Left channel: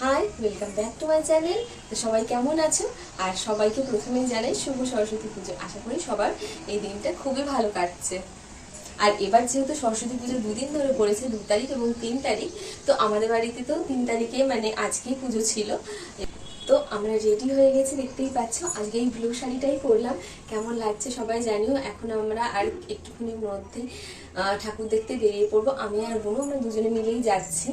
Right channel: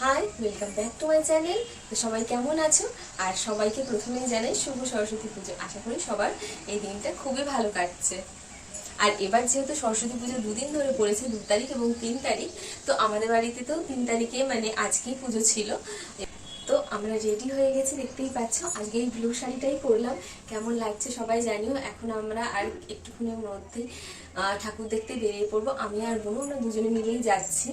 High, welcome back to my channel. তো সবাই কেমন আছো? আর সবাইকে প্রথমেই জানাই শুভ সরস্বতী পুজো। আশা করি সবার এই দিনটা খুবই ভালো কাটছে। আর এবার যেহেতু সরস্বতী পুজো দুদিন ধরে পড়েছে, 2 তারিখ এবং 3 তারিখ, তো আমাদের বাড়িতে তো 3 তারিখে মানে আজকেই পুজো ছিল। তো আমরা রেডি হয়ে গেছি, দেখতেই পাচ্ছ। আজকে এই ব্লু শাড়িটাই পরলাম, কেমন লাগছে সবাই জানিও। এখন আমরা আর একটুখানির মধ্যে ঠাকুর দেখতে বেরিয়ে পড়বো। আমি আর বোনও আমরা দুজনে মিলেই যাচ্ছি।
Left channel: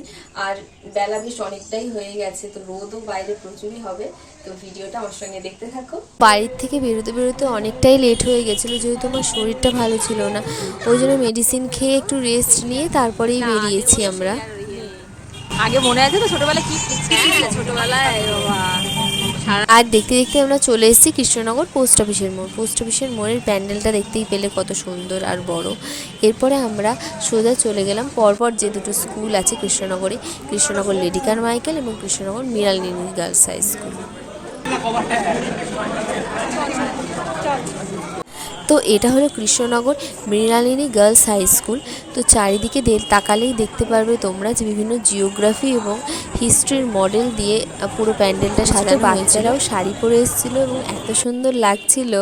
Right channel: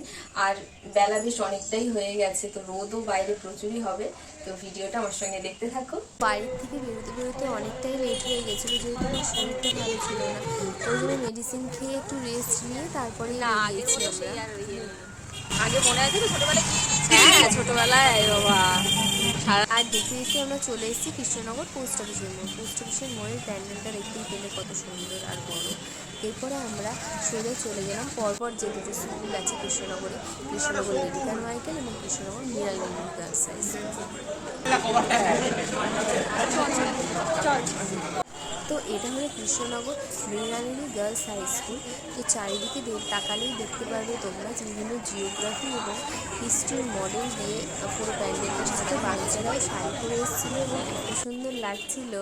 আর বেলা বেশ অনেকটাই হয়ে গেছে, তো রোদও বাইরে প্রচুরই হবে। তো ভিডিওটা আমার সঙ্গে দেখতে থাকো। বাড়ির থেকে বেরোতে বেরোতে অনেকটাই লেট হয়ে গেছিলো, যেহেতু আমার শরীরটা ভালো ছিল না। ওই জন্য মেডিসিন খেয়ে একটু রেস্ট নিয়ে তারপরেই বেরিয়েছি আমরা। আগে মনে আছে তো ছোটবেলায় কি ছোটবেলায় বাবা। আর দেখতে দেখতে আমরা চলে এসেছি কৃষ্ণনগর পোস্ট অফিসের মোড়। পোস্ট অফিসের মোড়ের প্যান্ডেলটা দেখতেই পেলে কত সুন্দর আর বড়। এরপরে আমরা সোজা চলে গেলাম পরপর যে দুটো স্কুল আছে কৃষ্ণনগরে, কৃষ্ণনগর লেডি কারমাইকেল এবং Krishnanagar Mrinalini girls high school. তো এটা হলো Krishnanagar Mrinalini girls high school. তো চারিদিকে তাকালেই দেখতে পারবে তোমরা যে বিভিন্ন জিওগ্রাফি এবং হিস্ট্রির মডেল দিয়ে পুরো প্যান্ডেলটা সাজানো। বাচ্চারাও শাড়ি পরে এসেছিলো এবং এত সুন্দর লাগছিল।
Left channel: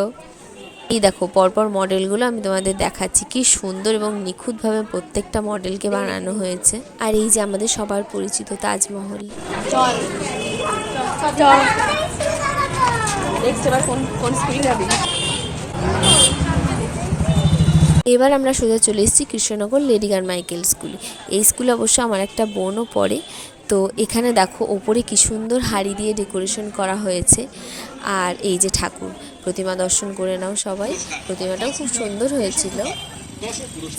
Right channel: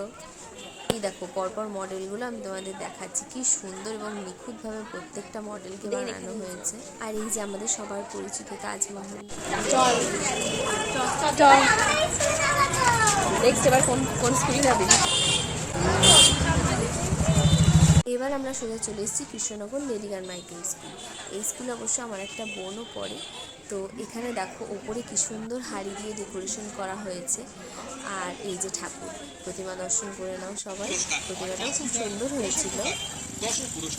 এই দেখো পরপর মডেলগুলো আমি তোমাদের দেখাচ্ছি, কি সুন্দর এবং নিখুঁতভাবে প্রত্যেকটা মডেলকে বানানো হয়েছে। আর এই যে আমাদের সবার পরিচিত তাজমহল। এবার আমরা সোজা চলে এসেছি কৃষ্ণনগর লেডি কারমাইকেল স্কুলে। এই স্কুলে অবশ্য আমার একটা বোনও পড়ে। তো এখানে দেখো ওপরে কি সুন্দর হাড়ি দিয়ে ডেকোরেশন করা হয়েছে। আর এই যে ঠাকুর প্রতিমা দর্শন করে নাও সবাই, প্রতিমাটাও খুব সুন্দর হয়েছিল।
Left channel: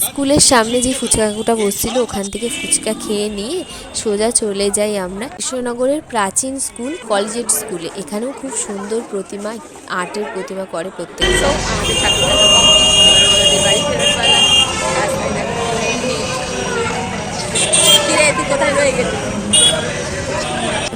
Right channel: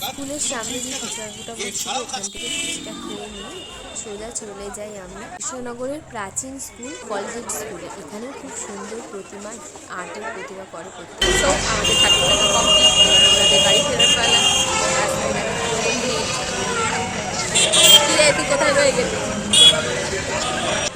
স্কুলের সামনে যে ফুচকা কাকুটা বসছিল, ওখান থেকে ফুচকা খেয়ে নিয়ে সোজা চলে যাই আমরা কৃষ্ণনগরের প্রাচীন স্কুল কলেজিয়েট স্কুলে। এখানেও খুব সুন্দর প্রতিমা, আর্টের প্রতিমা করে প্রত্যেক। আমাদের ঠাকুরটা তো আমাদের বাড়ি ফেরত পালা। তুই কোথায় রয়ে গেলি?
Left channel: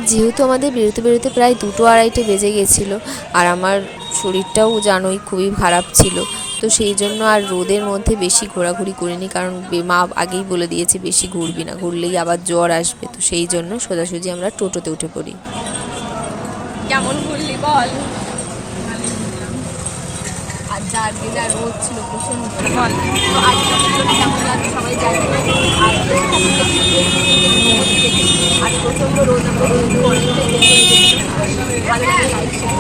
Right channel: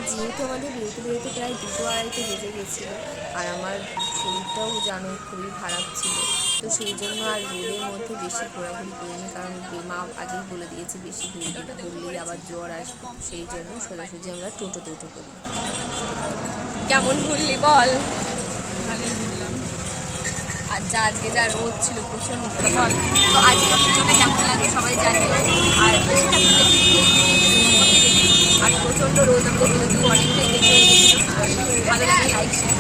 যেহেতু আমাদের বেরোতে বেরোতে প্রায় 2-2:30 বেজে গেছিলো, আর আমার শরীরটাও জানোই খুবই খারাপ ছিল। তো সেই জন্য আর রোদের মধ্যে বেশি ঘোরাঘুরি করিনি, কারণ মা আগেই বলে দিয়েছে বেশি ঘুরবি না, ঘুরলেই আবার জ্বর আসবে। তো সেই জন্য সোজাসুজি আমরা টোটোতে উঠে পড়ি। কেমন ঘুরলি বল? আর আজকে যা রোদ ছিল প্রচন্ড বল। তো আজকে কেমন লাগে সবাই জানি। আর প্রচন্ড রোদ, আমাদের অনেকটাই দেখে ভালো লাগে। Like share